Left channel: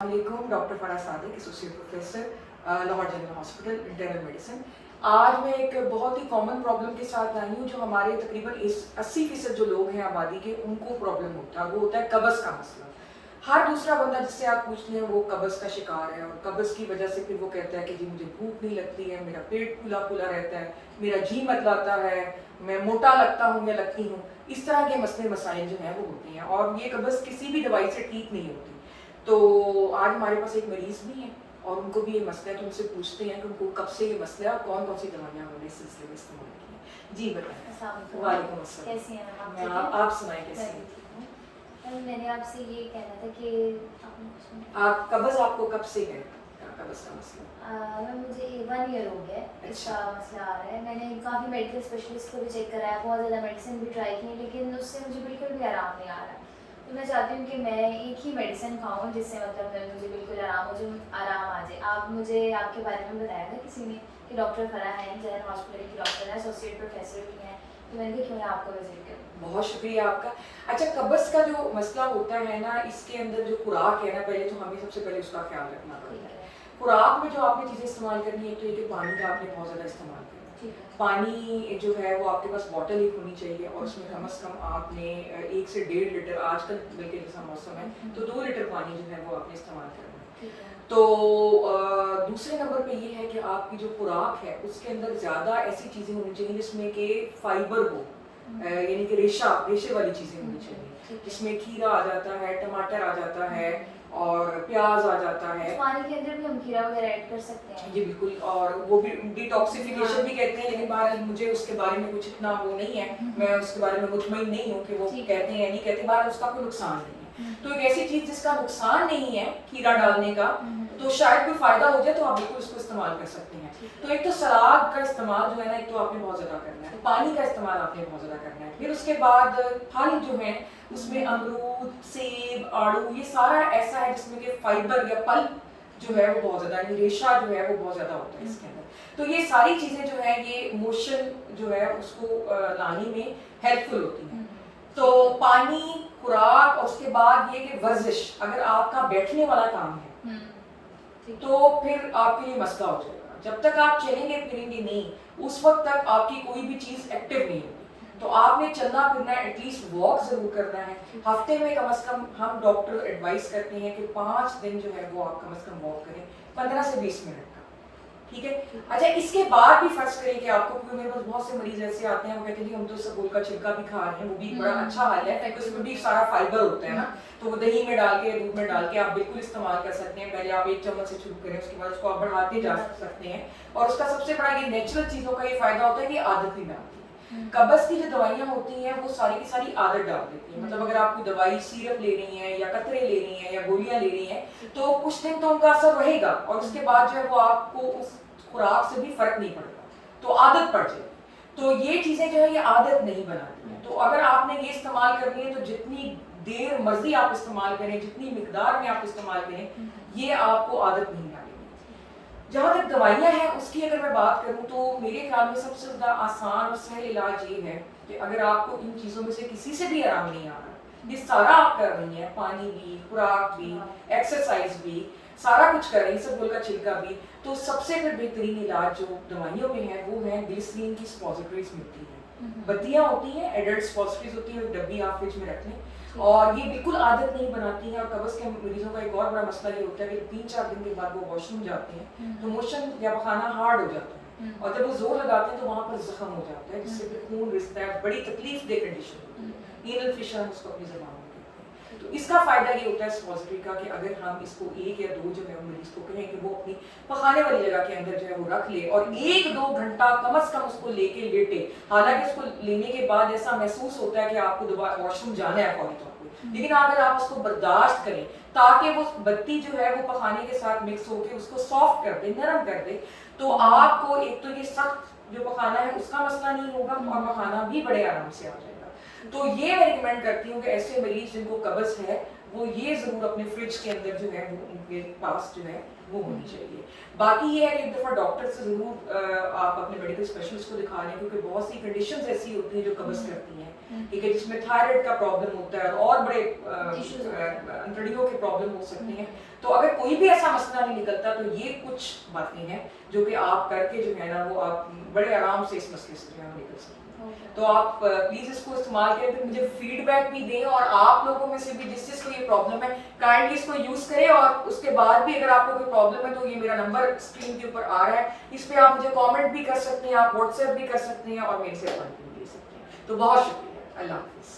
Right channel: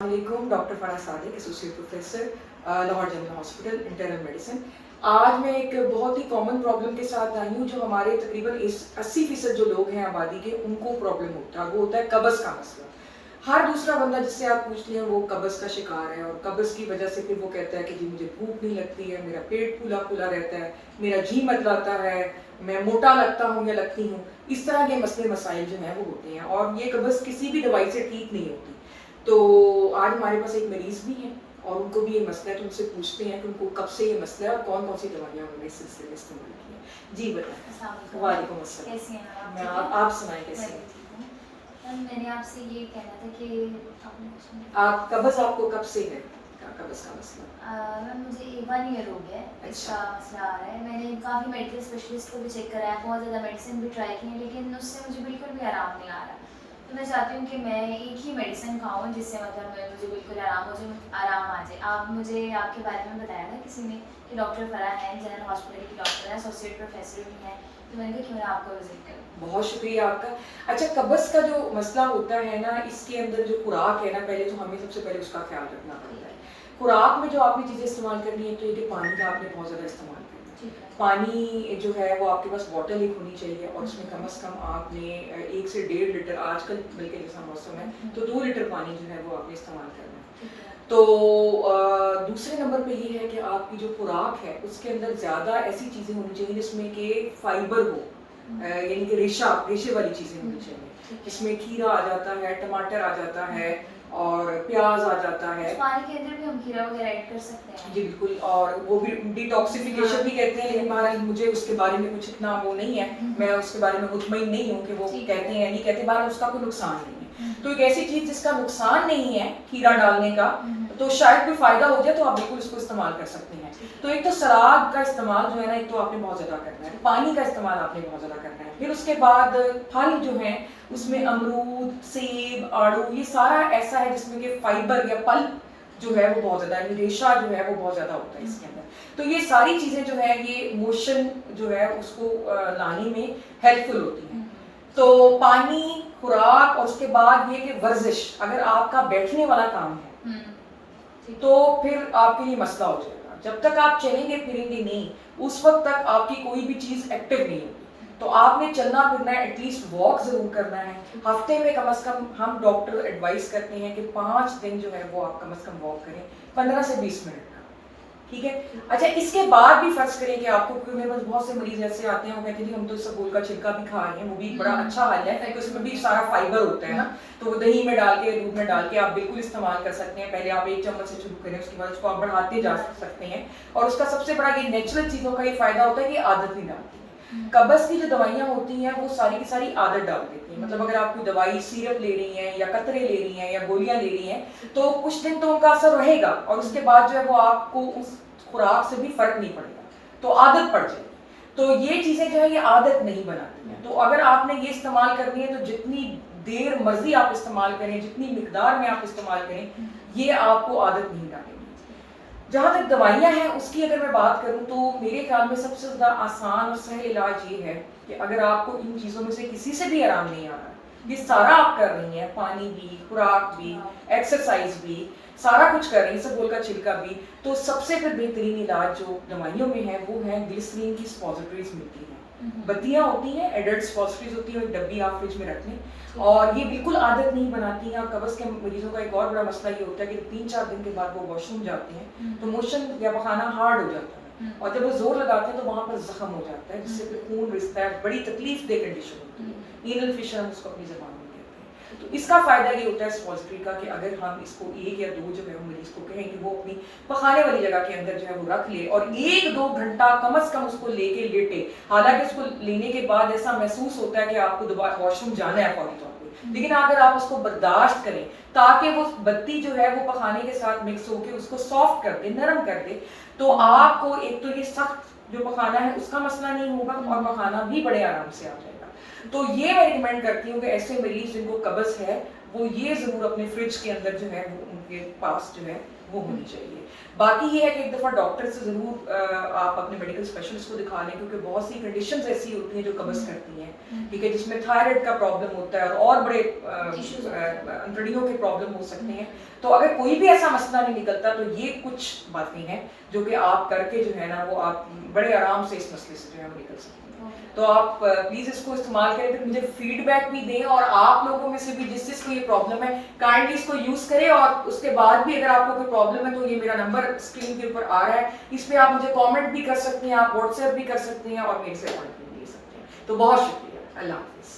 वालेकुम, doctor Farah Sadiq, associate professor, Lahore general hospital, internal medicine. आज मैं एक बहुत ही कॉमन प्रॉब्लम के साथ आई हूँ जो हमारे तकरीबन 80% जो लोग हैं आबादी के, उनको प्रॉब्लम होता है। वो होता है कब्ज़ का मसला। हर दूसरा बंदा जिससे आप पूछ लें वो कब्ज़ का शिकार है, और कब्ज़ की वजह से फिर वो कहता है कि जी मुझे भूख नहीं लगती है, मेरा पेट फूला फूला रहता है, मेरा जी मतलाता है, मैं मोटा लगता हूँ या लगती हूँ। इस तरह के मसले मसाइल जो हैं वो होते हैं, और ये कब्ज़ किसी भी दवाई से ठीक नहीं होती। तो आज हमारे पास एक मरीज भी हैं और उनको भी ये मसला है, तो उनसे पूछते हैं कि उनको कब से ये मसला है और कौन कौन सी दवाइयाँ उन्होंने इस सिलसिले में इस्तेमाल की है। जी बताएं। वालेकुम अस्सलाम। कैसी हैं आप? आप सुनाएं कैसी हैं? मैंने आपसे ये कहना था कि आप कब्ज़ आपको कब से है? कब्ज़ का मसला मुझे 1 ईयर हो गया है अच्छा। इसका मसला आ रहा है। मैंने काफ़ी मेडिकल स्पेशलिस्ट को भी चेक कराया, बहुत ज़्यादा मेडिसिन भी ट्राई की, लेकिन उससे मुझे बिल्कुल भी आराम नहीं आ रहा। तो मैं चाहती हूँ कि मैं एक ही मेडिसिन खाऊँ जिससे मतलब मुझे बिल्कुल आराम आ जाए। आप मुझे आपके बारे में बताया था किसी ने कि डॉक्टर फराह हैं, जनरल हॉस्पिटल की डॉक्टर हैं, एसोसिएट प्रोफेसर भी हैं, तो मैंने कहा क्यों ना आपको विजिट करूँ। बहुत शुक्रिया आपका। अच्छा, कब्ज़ का जो मसला होता है ना, इसके अंदर जो खुराक है ना, पहले तो हमें सबसे पहले उसका ख्याल रखना पड़ता है। खुराक में जो आपने चीज़ें इस्तेमाल करनी है, तो ये पानी का आपने बहुत ज़्यादा इस्तेमाल करना है। पानी जो है वो आपके पास बॉटल एक होनी चाहिए, और उसमें कम से कम आपने 1 से 1.5 लीटर, आजकल बल्कि जैसा मौसम है तो 2 लीटर पानी जो है वो आपने इस्तेमाल करना है। तो दूसरे नंबर पे ये है कि आपकी जो खुराक है उसके अंदर ज़्यादा ऐसी चीज़ें होनी चाहिए जिसमें कि फाइबर हो, यानी कि रेशे वाली चीज़ें होनी चाहिए। इसमें खीरा आ जाता है, टमाटर आ जाता है, और प्याज आ जाता है। पानी के अंदर भी हम खीरा वगैरह ऐड कर सकते हैं। जी बिल्कुल, और वो भी डिटॉक्सिफिकेशन भी कहते हैं, लेकिन बहरहाल मुझे उसके बारे में कुछ इतना वो नहीं है, मैं उसके बारे में मुतमईन नहीं हूँ कि वो कहते हैं या नहीं कहते। बहरहाल उसका कोई नुकसान नहीं है। तो एक ऐसी चीज़ जिसका नुकसान नहीं है खीरा डालने का, तो शायद कोई फ़ायदा हो जाए, तो आप बिल्कुल उसको इस्तेमाल कर सकते हैं। तो एक तो सलाद का इस्तेमाल जो है ना, एक तो आपने बहुत ज़्यादा करना है, पानी का इस्तेमाल आपने बहुत ज़्यादा करना है। फिर उसके बाद फल जो हैं उसमें अमरूद, सेब, आड़ू, ये सारा ऐसा है जिसमें कि फाइबर या पल्प जो है वो बहुत ज़्यादा है, रेशा जो है वो बहुत ज़्यादा होता है इसके अंदर। तो ये सारी चीज़ें जो है ये मोशन जो है उसको लाने में हेल्पफुल होती हैं। तो पानी, खुराक, और उसके बाद ये कि वर्जिश, अगर आपका बैठने वाला काम है तो फिर आपके लिए मसला हो जाएगा। जब तक आप चलेंगे फिरेंगे नहीं, उस वक्त तक आपकी कोई भी चीज़ एक्टिव नहीं होगी। तो आपने चलना फिरना है, एटलीस्ट वॉक ज़रूर करना है। हफ्ते में कम से कम हम डॉक्टर एडवाइस करते हैं कि 5 दिन जो है वो आप कम से कम वॉक करें, 15 से 20 मिनट का, ठीक है। अच्छा, इसके बाद भी फर्ज करें कि आपको, क्योंकि मेरे पास बहुत से मरीज ऐसे आते हैं वो कहते हैं जी हम तो सबूल का छिलका भी खा रहे हैं, वो भी बड़ा अच्छा हल है क्योंकि उसमें भी सारा फाइबर होता है ना, तो वो दही में डाल के, दूध में डाल के आप बिल्कुल इस्तेमाल कर सकते हैं। पहले आप 1 चम्मच से शुरू करें, उसके बाद उसको आप बढ़ाते जा सकते हैं। और उसका सबसे बड़ा ये नेचुरल चीज़ों का ये फ़ायदा होता है कि आदत नहीं डालती है। कब्ज़ की जो दवाइयाँ होती हैं वो सारी की सारी आदत डाल देती हैं। मतलब अगर आप कोई दवाई सिरप ले रही हैं या कतरे ले रही हैं या गोलियाँ ले रही हैं, तो कुछ दिन तो उनका असर रहेगा, और उसके बाद जो है वो आपको उस खुराक से भी फर्क नहीं पड़ेगा, तो आदत पड़ जाएगी। तो ये चीज़ें जो है ये आदत नहीं बनाती हैं। तो अगर आपने ये इस्तेमाल करनी है तो जितनी देर मर्जी आप इस्तेमाल करें, जितनी मिकदार में आप इस्तेमाल करें, ये आपको आदत नहीं डालेगी। जहाँ तक दवाइयाँ हैं उसकी अगर मैं बात करूँ तो मेरे ख्याल में सबसे ज़्यादा आसान और सहल इलाज ये है कि अगर आपको इन चीज़ों में से किसी से भी आराम नहीं आ रहा, ये सारा आप कर रही हैं, पानी भी, खुराक भी, एक्सरसाइज भी, सारा कुछ कर रही हैं, सबूल का छिलका भी, तो सबसे फिर बेहतरीन इलाज जो दवाइयों में है वो है ग्लिसरीन की सपोजिटरीज मिलती हैं। बत्तियाँ होती हैं, एडल्ट सपोजिटरीज होती हैं, एक डब्बी आप फ्रिज में रख लें, और ये बिल्कुल आदत नहीं बनाती हैं। और कब्ज़ के मरीजों का एक और बड़ा मसला ये होता है कि 3-4 दिन के बाद वो वॉशरूम जाते हैं तो मोशन या पखाना हार्ड हो जाता है, और जब वो जोर लगाते हैं तो वहाँ पर जख्म हो जाता है जिससे फिर खून रिसता है, बड़ी तकलीफ दे कंडीशन होती है, एनल फिशर हम उसको अपनी ज़बान में कहते हैं। तो इसका फ़ायदा ये होता है सपोजिटरी का कि अगर हम इसको 1 या 2 जो है मरीज को कहें कि वो अपनी पखाने वाली जगह के अंदर जो है वो रख ले, और 1-2 घंटा कम से कम उसको लेके लेटे। हालांकि इसको लेने के बाद ऐसा महसूस होता है कि आपको दोबारा वॉशरूम जाना है फौरी तौर पे, लेकिन अगर आप उसको बर्दाश्त करें ताकि वो बत्ती जो है वो पखाने के साथ मिक्स होकर उसको सॉफ्ट कर दे, नरम कर दे, तो आपको एक तो ये सख्त जो पखाना है उसका मसला नहीं होगा, और पखाना भी बड़े आराम से आ जाएगा। तो ये मैं रिकमेंड करती हूँ कि ऐसे मरीज जिनको कब्ज़ है वो ये ज़रूर अपने फ्रिज के अंदर जो है वो उनके पास जो है वो होनी चाहिए। बाकी ये है कि एक दफ़ा डॉक्टर से ज़रूर आप अपने मेडिकल स्पेशलिस्ट को दिखा लें, क्योंकि बहुत सी कंडीशंस ऐसी होती हैं जो कब्ज़ करती हैं, ठीक है, जिसमें थायराइड का प्रॉब्लम होता है और बड़े अंतड़ियों के प्रॉब्लम हो सकते हैं। तो अगर कोई भी ऐसा मसला नहीं निकलता तो ये कुछ बातें हैं जो कि आप करके जो है ना वो आप बड़े आराम से इस मसले से जो है वो निकल सकते हैं। तो आप प्लीज़ इसको इस्तेमाल करें, फिर मुझे फीडबैक भी दें, और आप लोगों में से भी जिस जिसको ये प्रॉब्लम है काइंडली इसको यूज़ करें, और उसके बाद भी अगर आपको कोई प्रॉब्लम है तो ये मेरा नंबर स्क्रीन के ऊपर आ रहा है, इस पर आप मुझे कमेंट भी कर सकते हैं, आप व्हाट्सएप भी कर सकते हैं और मेरे से अपॉइंटमेंट भी ले सकते हैं। तो बहुत शुक्रिया, अल्लाह हाफिज़।